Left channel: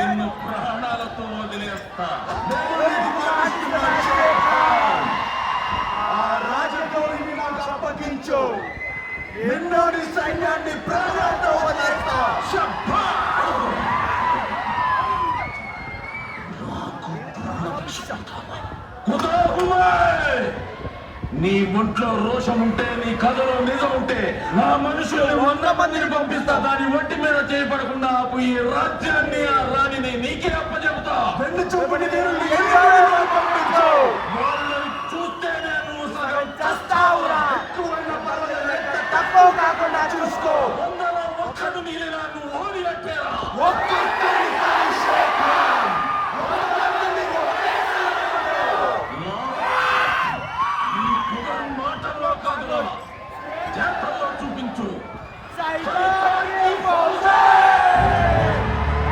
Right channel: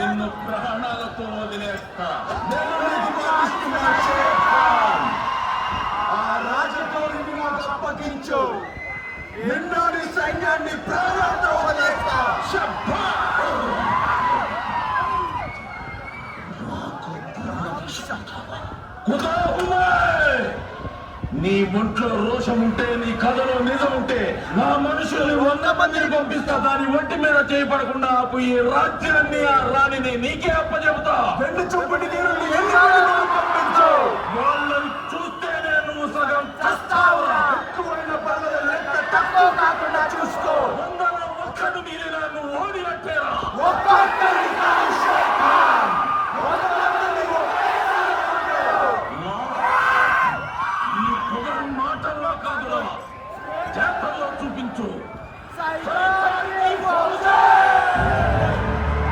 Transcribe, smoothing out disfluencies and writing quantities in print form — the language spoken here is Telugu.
నిన్ను ప్రాణాలతో వదిలేస్తా. ఆ రాజకీయాన్ని నాకు అప్పగించు. ఎన్నోడి సైన్యాన్ని ప్రాణాలతో వదిలేస్తా. నీ ఒంట్లో రోషం ఉంటే, నీ కథలో నిజం ఉంటే, నా మనుషుల్ని 100 మందిని పంపిస్తా. దాని ఒంటి మీద చేయబడకుండా ఆపు ఈ రాజ్యాన్ని, ఆ రాణిని నీకే అప్పచెబుతా. రెండు చొప్పుటి నీరు